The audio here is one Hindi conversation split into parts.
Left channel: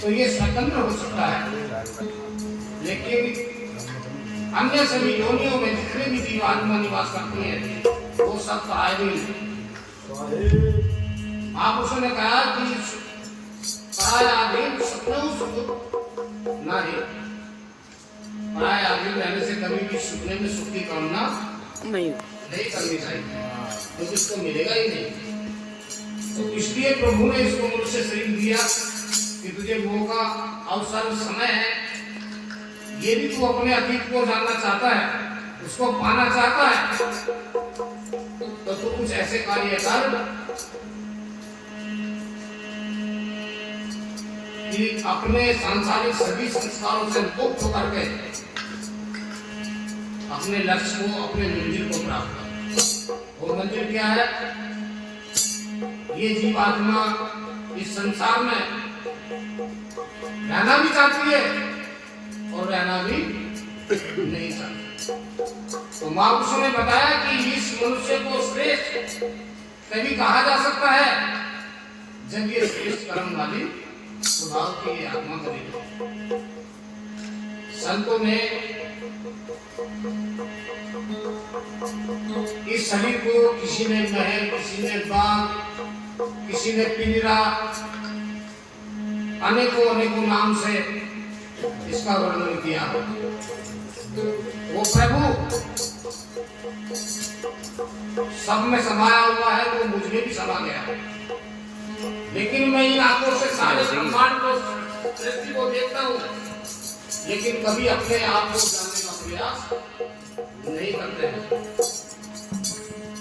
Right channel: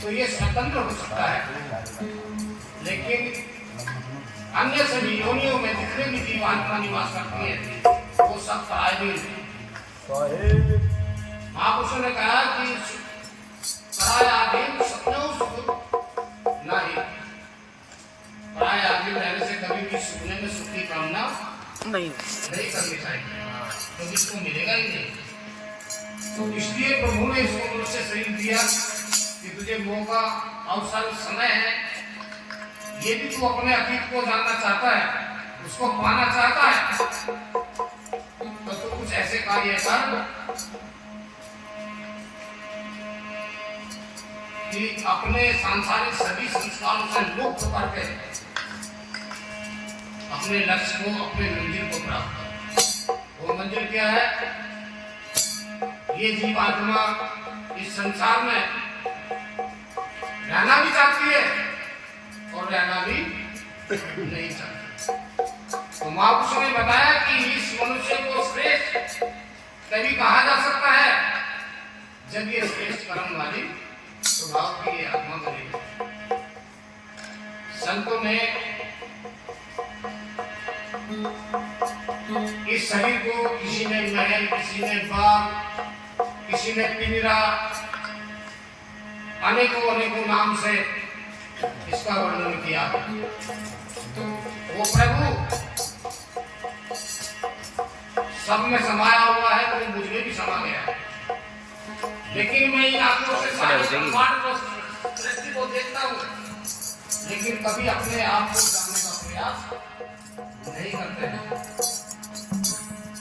तो ये स्वतंत्र हो सकता है, लेकिन अन्य सभी योनियों में जितने भी जीव आत्मा निवास करती है वो सब परायधीन है। महापुरुषों ने कहा कि परायाधीन सपनों सुख नहीं, परायाधीन रहने से कभी भी सुखने में सुख की कामना नहीं करनी चाहिए, क्योंकि तो इसको मिलेगा ही नहीं। तो इसलिए प्रभु ने इसको मनुष्य शरीर दिया कि तुझे मौका, अवसर, समय है, ये भी तू अपने अतीत को जानना चाहता है, उसको पाना चाहता है, तो तू कुछ ऐसे कार्य कर कि अपने सांसारिक सभी संस्कारों से मुक्त करके अपने लक्ष्य को, अपने मंजिल को प्राप्त कर। वो मंजिल क्या है? ये जीवात्मा इस संसार में रहना भी चाहती है और रहना भी नहीं चाहती। तो महापुरुषों ने बताया कि इस मनुष्य को श्रेष्ठ तभी कहा जा सकता है जब ये श्रेष्ठ कर्म वाली स्वभाव की आत्मा बनेगी। संतों ने इस शरीर को, किसी ने महल, किसी ने बाग, किसी ने पिंजरा, अनेकों अनेकों नाम से इसका वर्णन किया। वो प्रभु सब में समाया हुआ है, वो मुझे भी समा गया है, लेकिन मैं इन आंखों से सारे ब्रह्मांड को, सृष्टि को देखता हूँ, लेकिन कभी अपने आप को जानने का प्रयास नहीं करते हैं।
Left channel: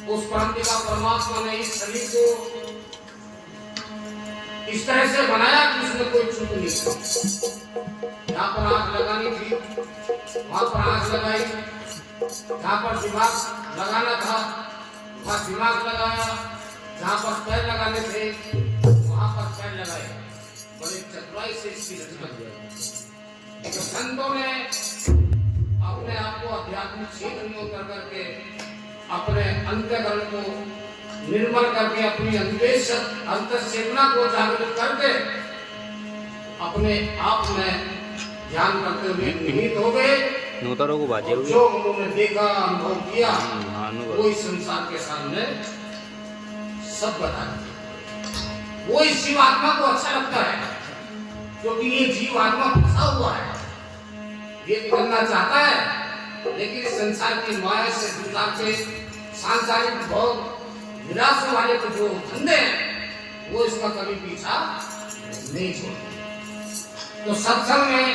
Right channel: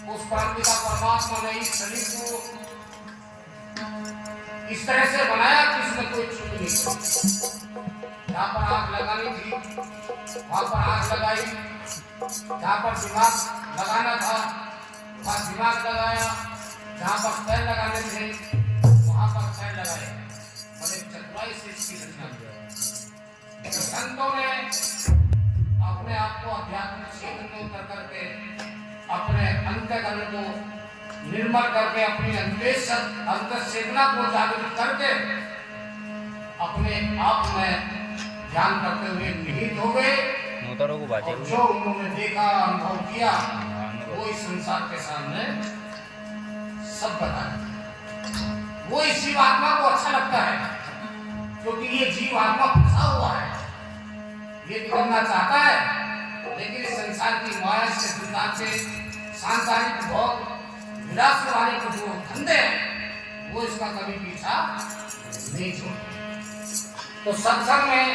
उस परमपिता परमात्मा ने इस शरीर को इस तरह से बनाया कि उसमें कोई चूक नहीं थी। जहाँ पर आग लगानी थी वहां पर आग लगाई, जहाँ पर दिमाग लगाना था वहां दिमाग लगाया, जहाँ पर पैर लगाने थे वहां पर पैर लगाए। बड़े चतुराई से इसकी रचना की। संतों ने अपने आप को आध्यात्मिक क्षेत्र में उतर करके अपने अंतःकरण को निर्मल करके, अपनी अंतःचेतना को जागृत करके अपने आप में ध्यान करते हुए निहित हो गए। जो उन्होंने देखा, अनुभव किया, वो इस संसार के सामने सब बता दिया। वो इस जीवात्मा को अच्छा लगता है क्योंकि ये जीवात्मा फंसा हुआ है, ये निकलना चाहता है, लेकिन संसार की माया से, संसार के सांसारिक भोग विलास वाले के जो धंधे हैं वो इसका कभी पीछा नहीं छोड़ते। तो सत्संग में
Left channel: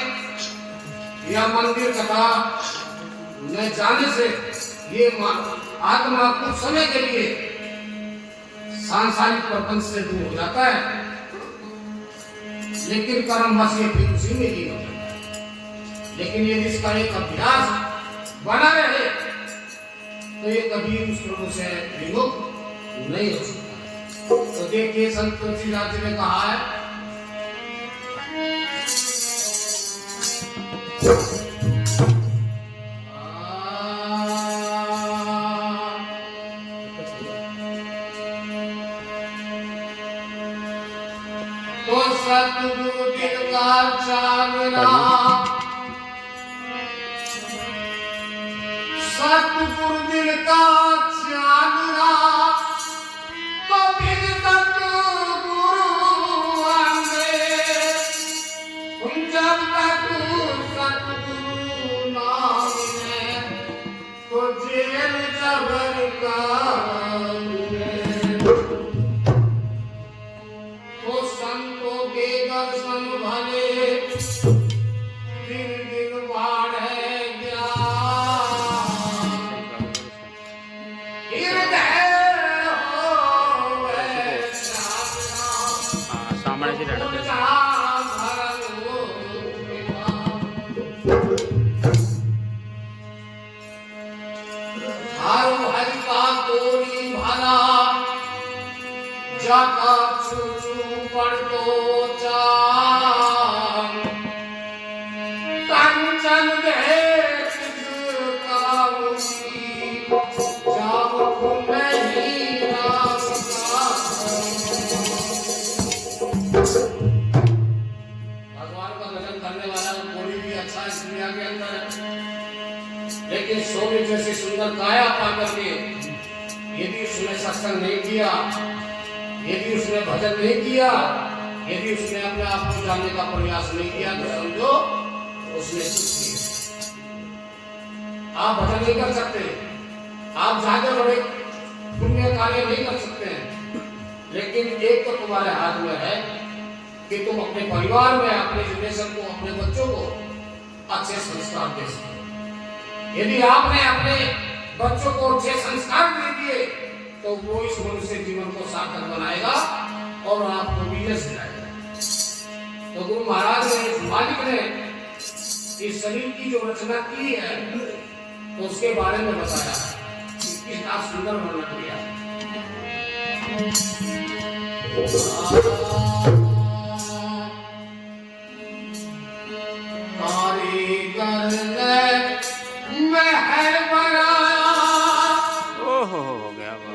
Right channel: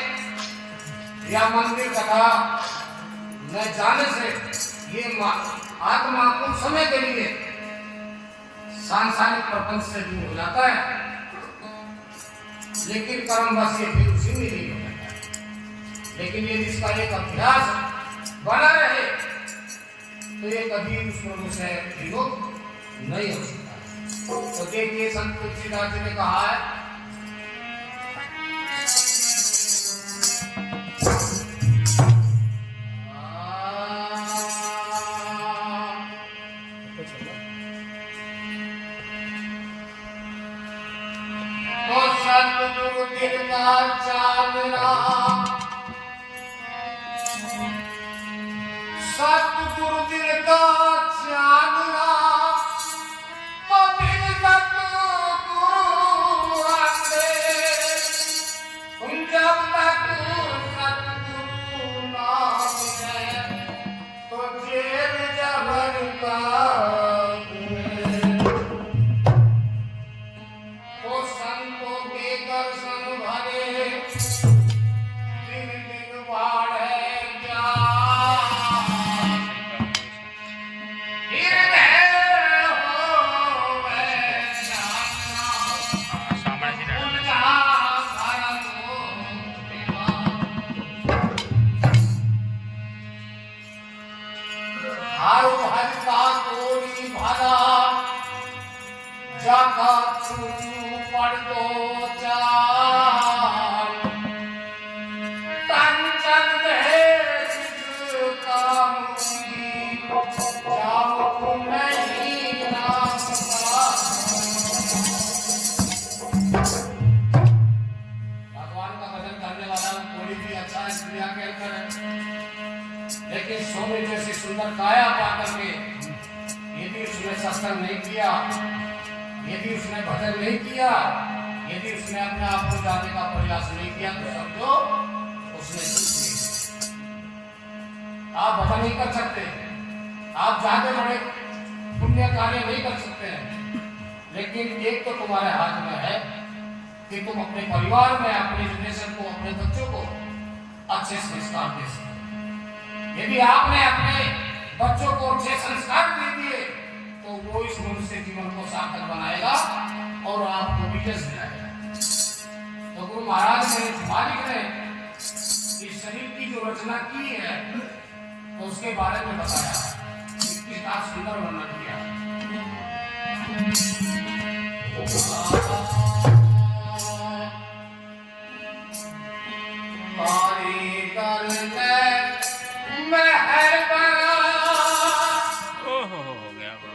या मंदिर कथा में जाने से ये आत्मा कुछ समय के लिए सांसारिक प्रपंच से दूर हो जाता है, लेकिन कर्मवश ये फिर उसी में ही होता है। लेकिन यदि इसका एक अभ्यास बना रहे तो ये कभी उस प्रभु से विमुख नहीं हो सकता। तो देखिए संत तुलसीदास जी ने कहा है, तो सतगुरु दिल का चांदना, सतगुरु दिल का चांदना, तो फिर सतगुरु आंगे, जब तक सतगुरु ना मिले तो जेल जबर का जाका चुचु पड़ तो जान, कंचन दे किसका मुझी, जाओ नहीं नाम का। भगवान का भजन करने वाला कोई भी अच्छा इस दुनिया के अंदर है, लेकिन सोने जैसी सुंदर काया पा करके यदि उसने सत्संग नहीं किया, यदि उसने भजन नहीं किया, यदि उसने अपने आप को जानने का प्रयास नहीं किया, तो समझो उसने कुछ नहीं किया। आप भजन नहीं कर सकते, आप ज्यादा बड़े पुण्य कार्य नहीं कर सकते हैं, लेकिन एक तो तुम्हारे हाथ में है कि तुम अपने परिवार में, अपने जनरेशन को, अपने बच्चों को अच्छे संस्कार दे सको। यदि आपने अपने बच्चों को अच्छे संस्कार दे दिए तो वो इस मनुष्य जीवन को सार्थक बनाएगा और आपको विजय दिलाएगा। तो गुरु महाराज ने, इस मालिक ने इस शरीर की जो रचना की है तो उसके बारे में बताया, कितना सुंदर वर्णन किया। ओहो हो गया बात।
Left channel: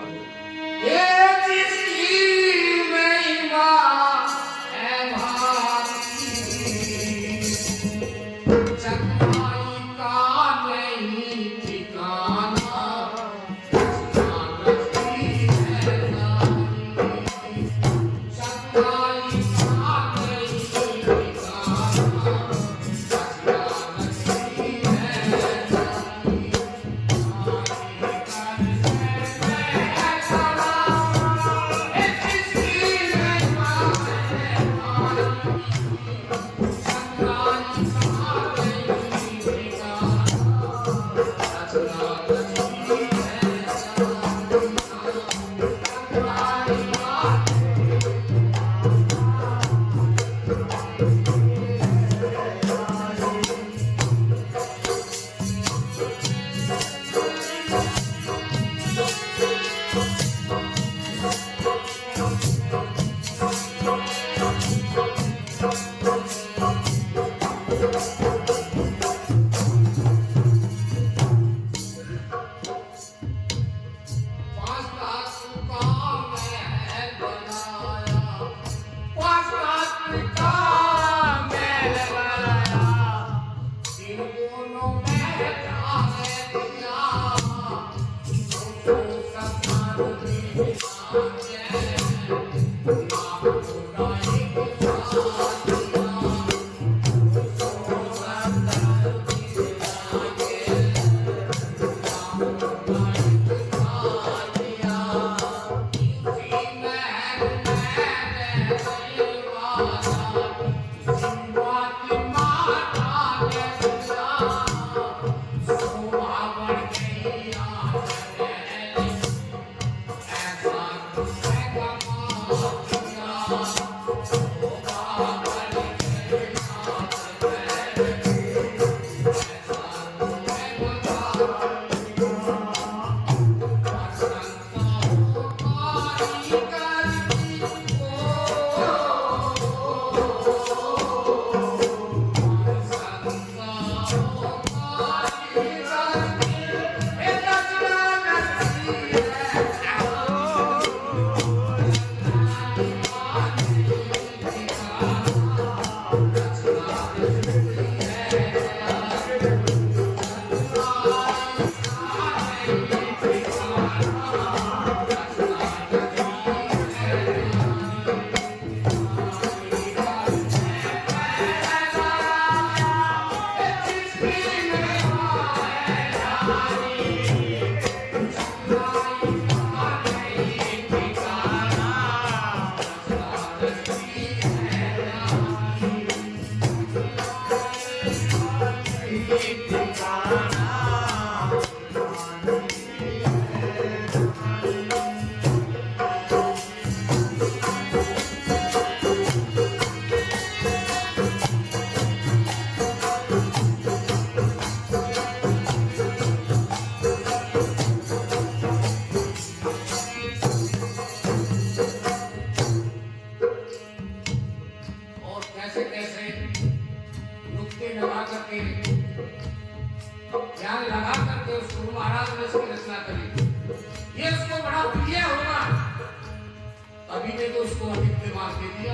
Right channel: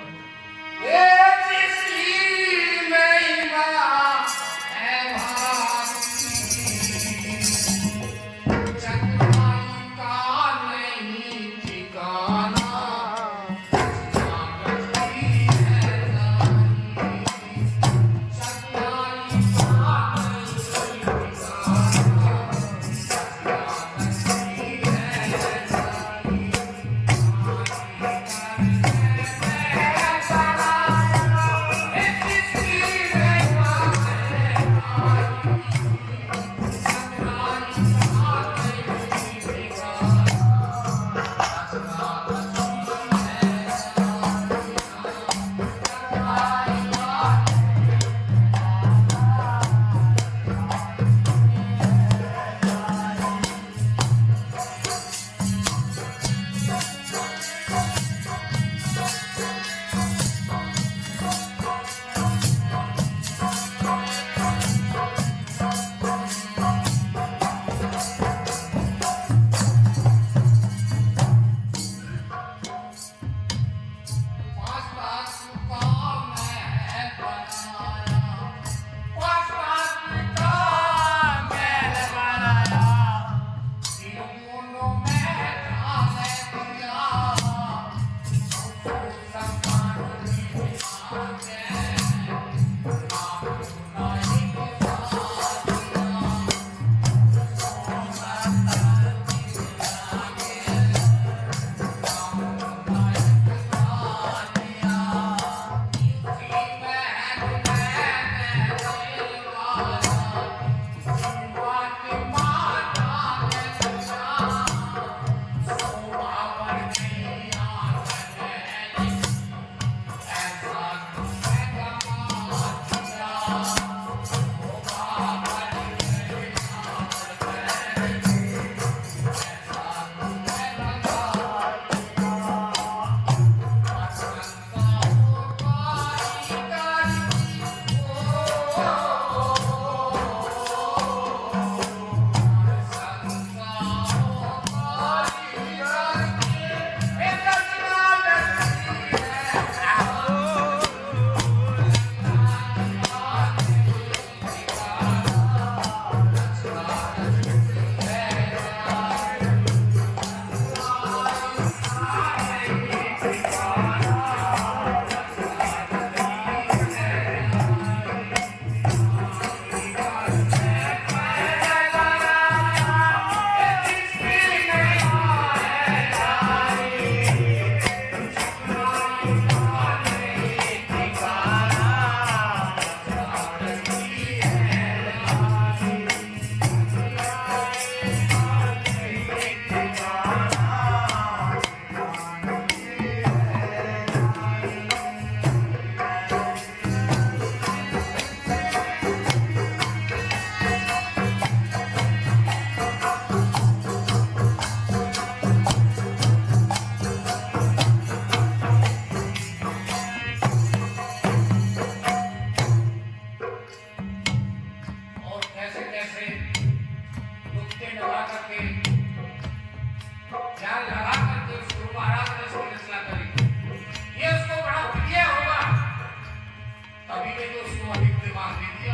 अभी ने तो उसको अधिक दिमाग दे दिया।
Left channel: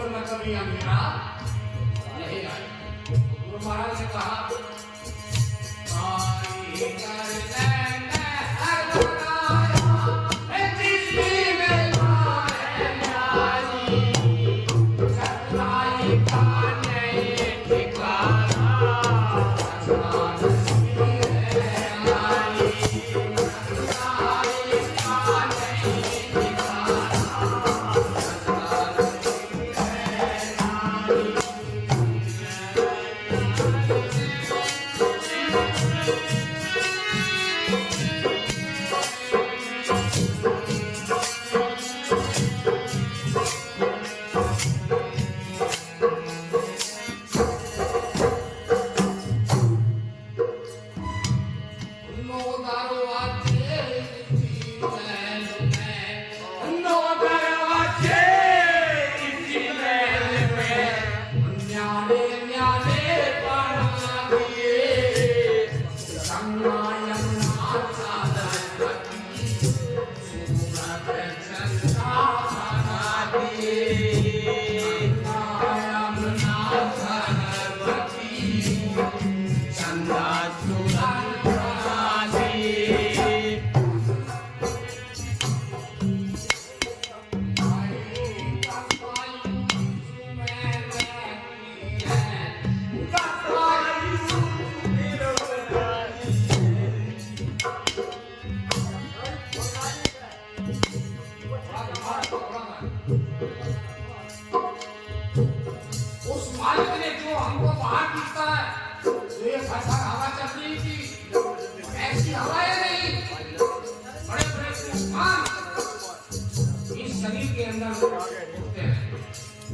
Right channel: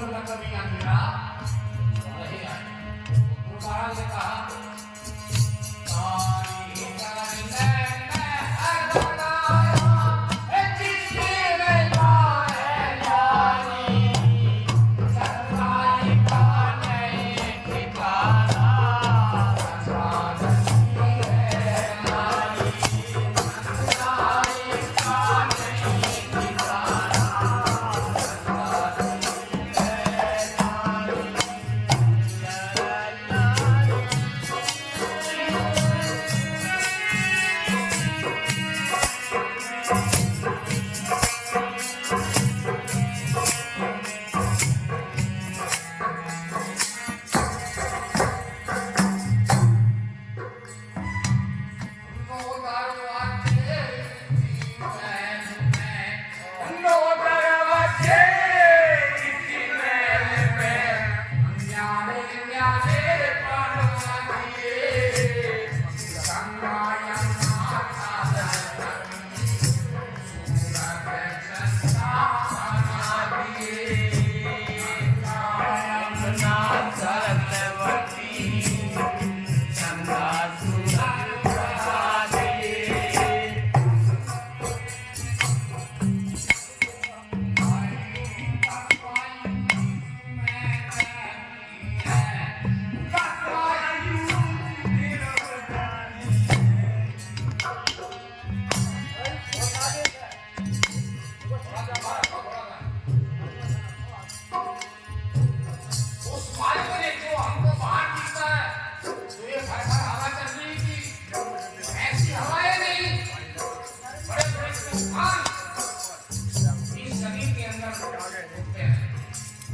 और न कभी अंधेरा नहीं आए। तो गुरु महाराज ने कहा कारी कर लेने हर बनाया है जिसकी में लाए लाली सच्चाई का नहीं ठिकाना सच्चाई है लाली सच्चाई का नहीं ठिकाना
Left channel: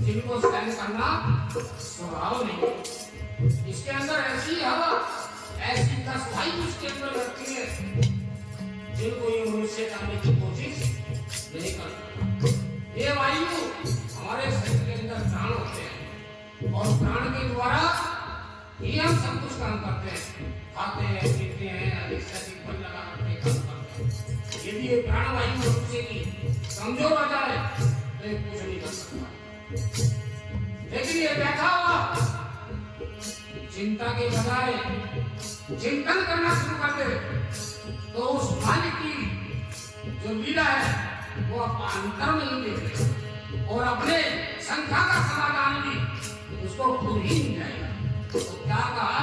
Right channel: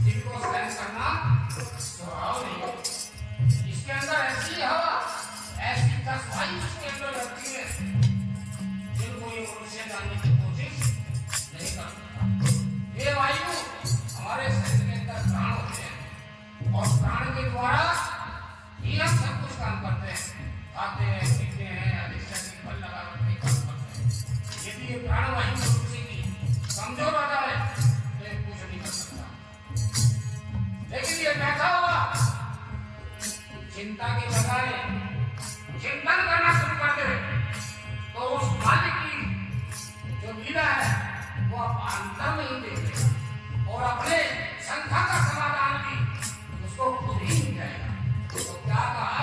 जिनको सहन करना स्वभाव नहीं। इसके अंदर ऐसी हवा ऐसी कसाई इसके अंदर लगती है जिनको ये मनुष्य करने की कोशिश नहीं करता। ये वायु हमारे शरीर के अंदर प्राण होते हैं और प्राण के द्वारा ही हम सब कुछ काम करते हैं, खाते हैं, पीते हैं, अधिक से अधिक बल लगा करके काम करते हैं। यदि ये प्राण वायु मनुष्य की कमजोर हो जाए तो ये कुछ नहीं कर सकता। लेकिन ये बैठा हुआ चिंता के बजाय चिंतन करना शुरू कर दे तो उस मालिक की जो लीला है वो आप अंतर में ही देखे और अपने संख्या का समाधान भी उसको खुद ही मिल जाएगा। तो क्या कहा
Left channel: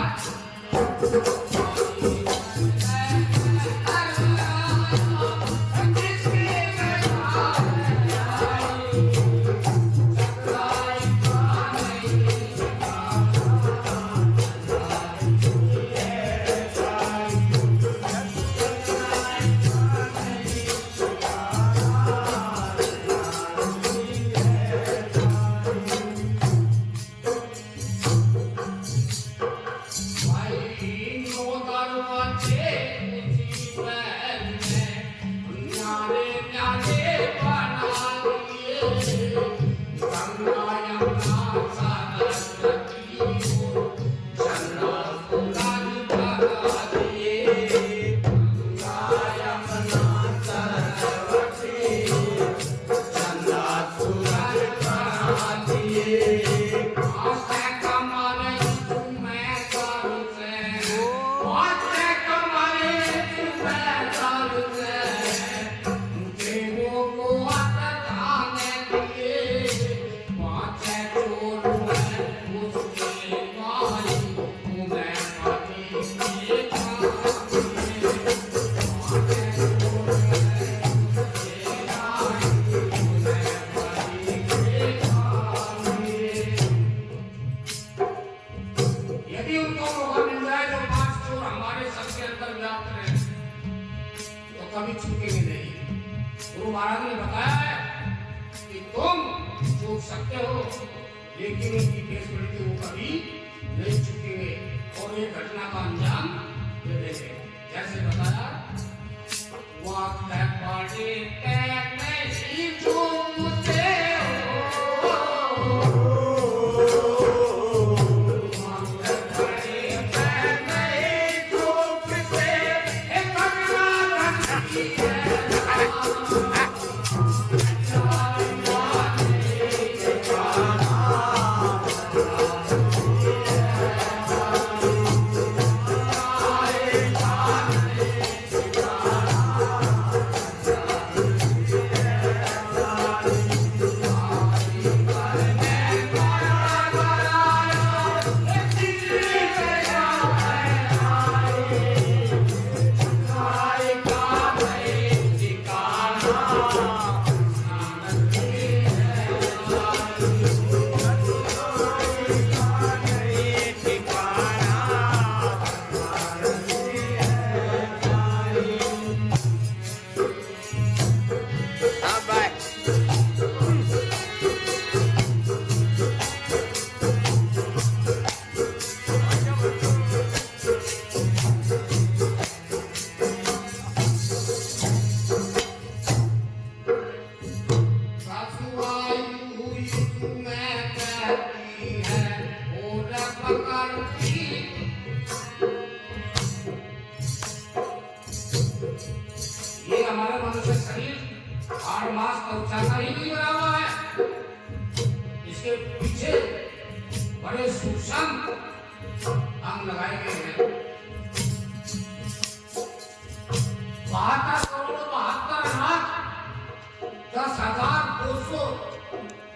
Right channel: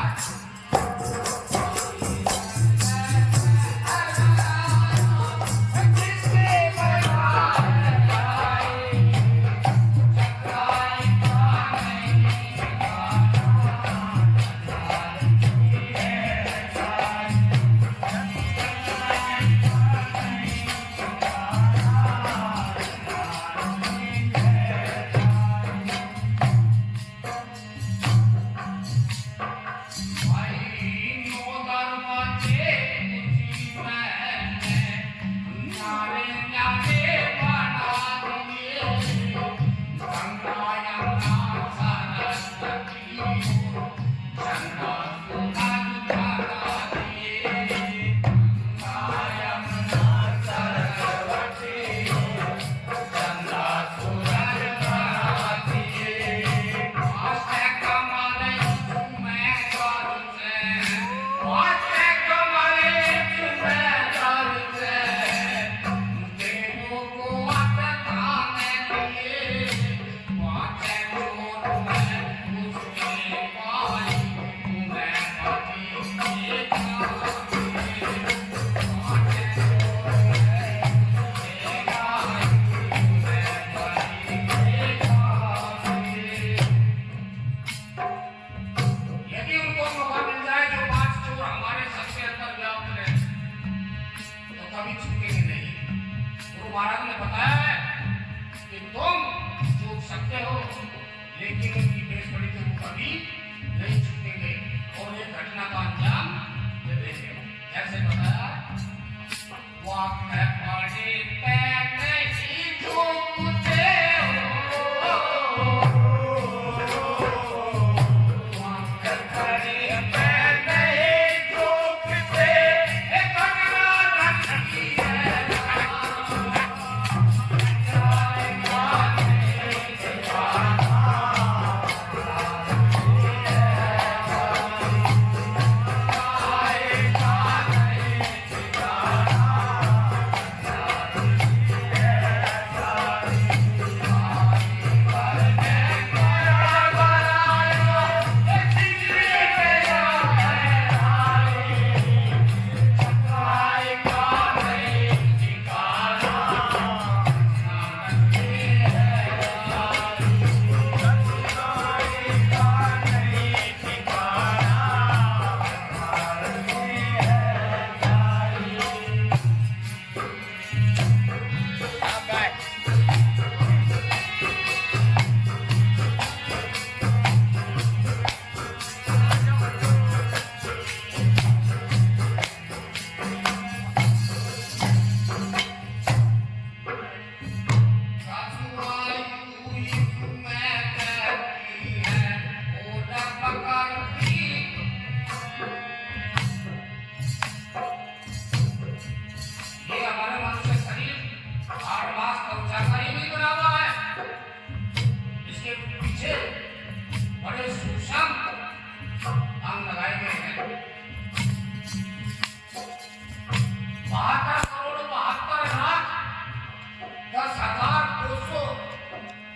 कभी छूटेंगे नहीं। गुरु महाराज ने बताया है कि तुम छूट सकते हो लेकिन उनकी बेसबड़ी को वो कभी नहीं छूटेंगे और ये घटना का अंजाम ये देंगे। जैसे बताया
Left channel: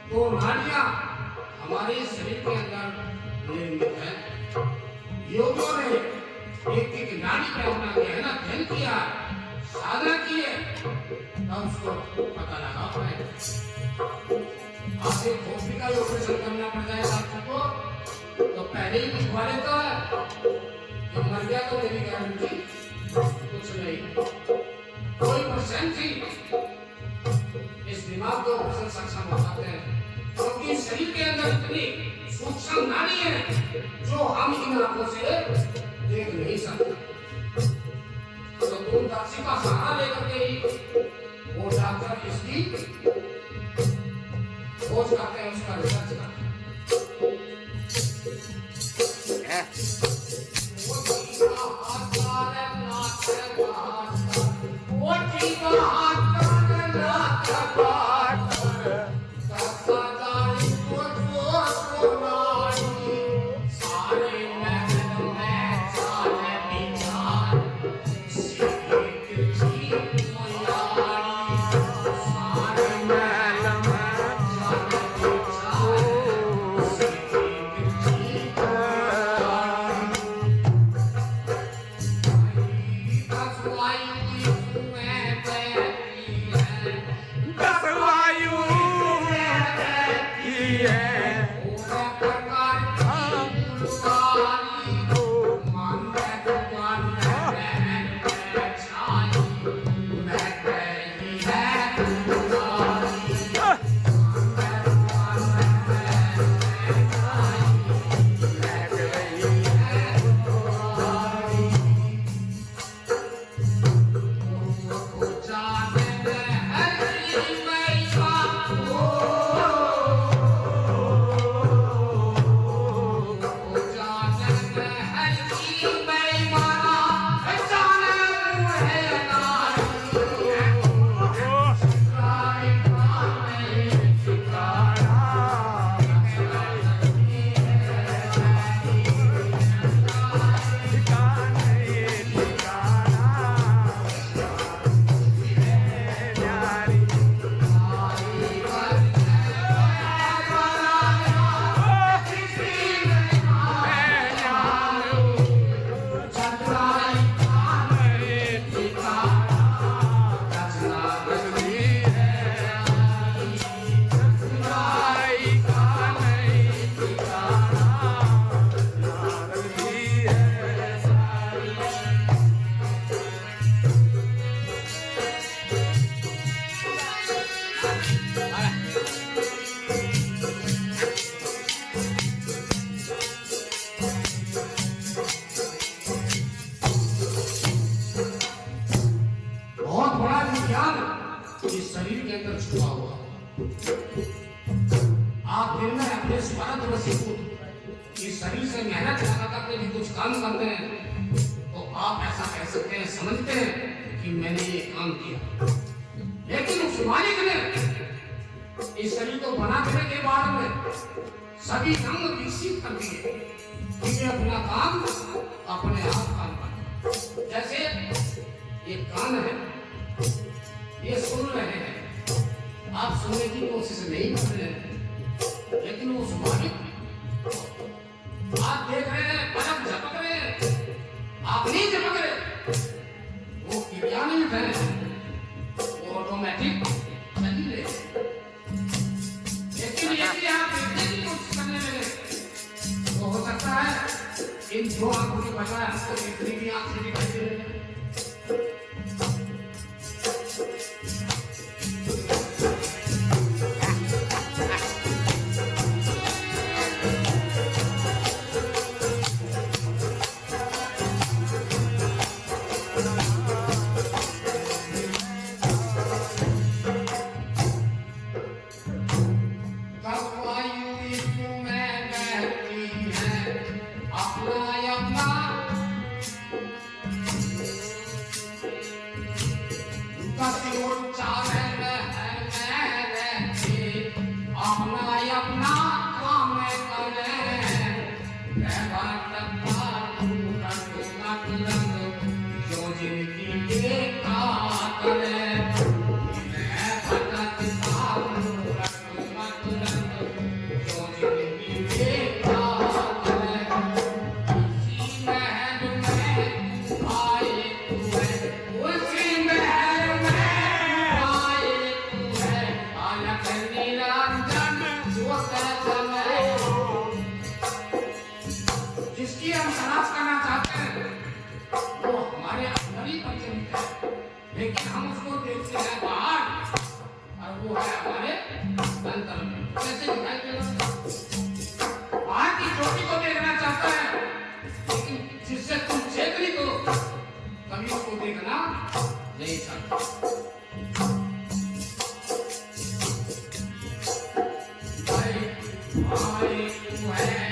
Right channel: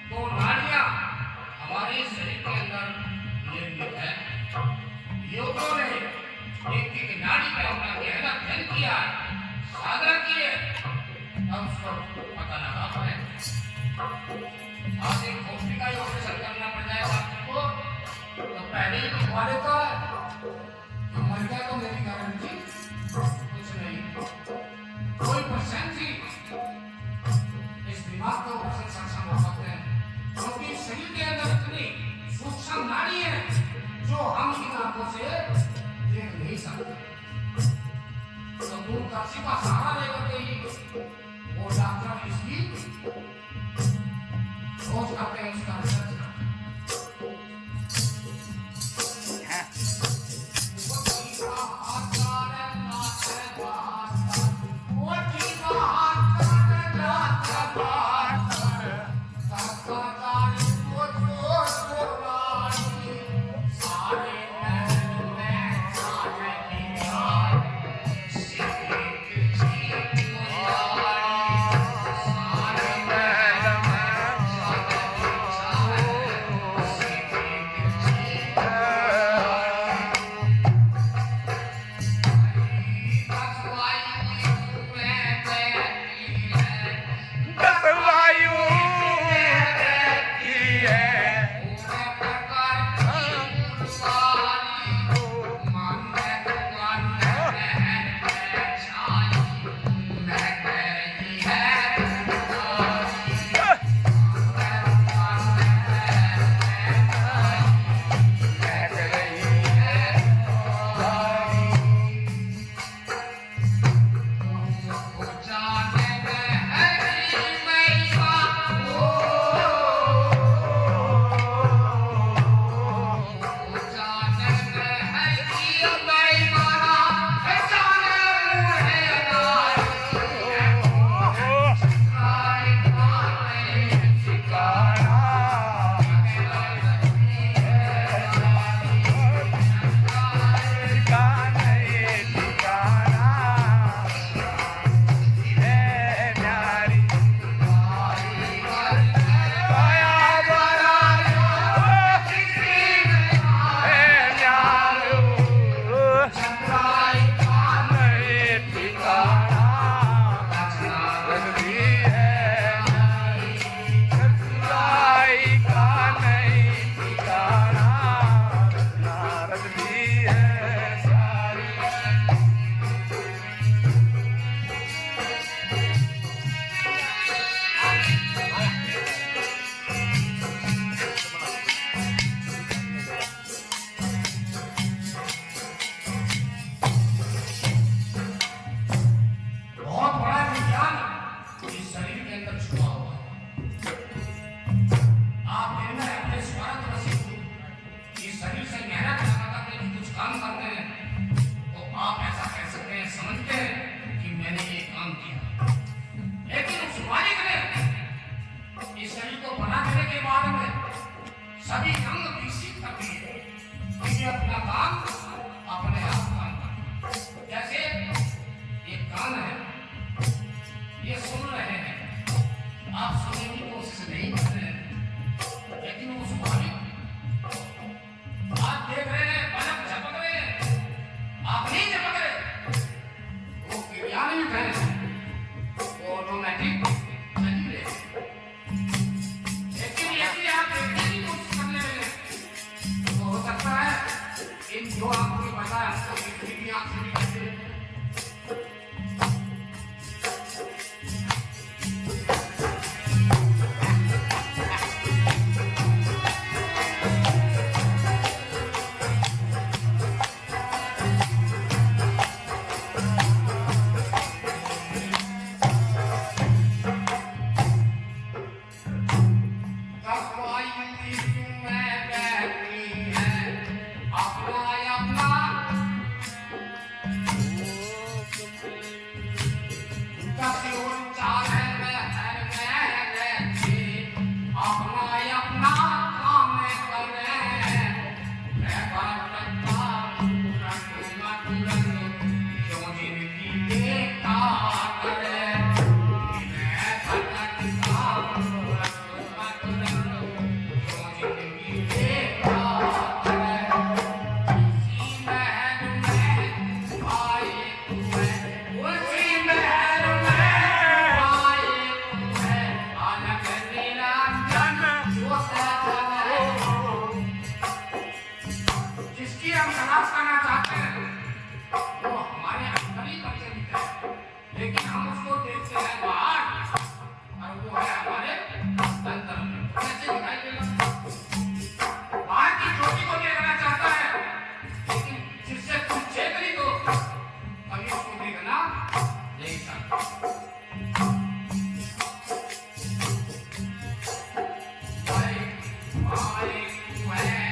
तो नाड़ियां हमारे शरीर के अंदर निर्मित है। योगियों ने एक एक नाड़ी पे अपना गहरा अध्ययन किया, साधना की है, तब उसको पता लगा है। आपसे खोपड़ी का ऑपरेशन करना पड़ जाएगा आपको, तो पहले ही लिखवा देता है, तो मर गया तो मेरी गारंटी कुछ नहीं। कोई परसेंट थी इस दिमाग को ऑपरेशन सक्षम हो सकते हैं, क्योंकि शरीर के अंदर इतनी सूक्ष्म नाड़ी है जो हम इन आंखों से देख नहीं सकते। तो दूरदर्शी का सहारा लेकर के ही वो डॉक्टर इसकी खोज करते हैं, उसका रिसर्च करते सभी अंग विकसित कर दिए, ये अपना काम अपने आप काम कर। जैसे ये कान है, ये सुन रहे हैं, आप सुनने की कोशिश नहीं कर रहे हैं, लेकिन वो स्वाभाविक। आप देख रहे हैं, पलक झपक रहे हैं, आप नहीं झपक रहे, वो विज्ञानिक है, वो ऑटोमेटिक चली रहे। लेकिन यदि आप देखने की कोशिश करने लगे, तो हो सकता है इन दो आंखों की बजाय आपको तीसरी भी आंख से दिखाई दे रही है। आए तू है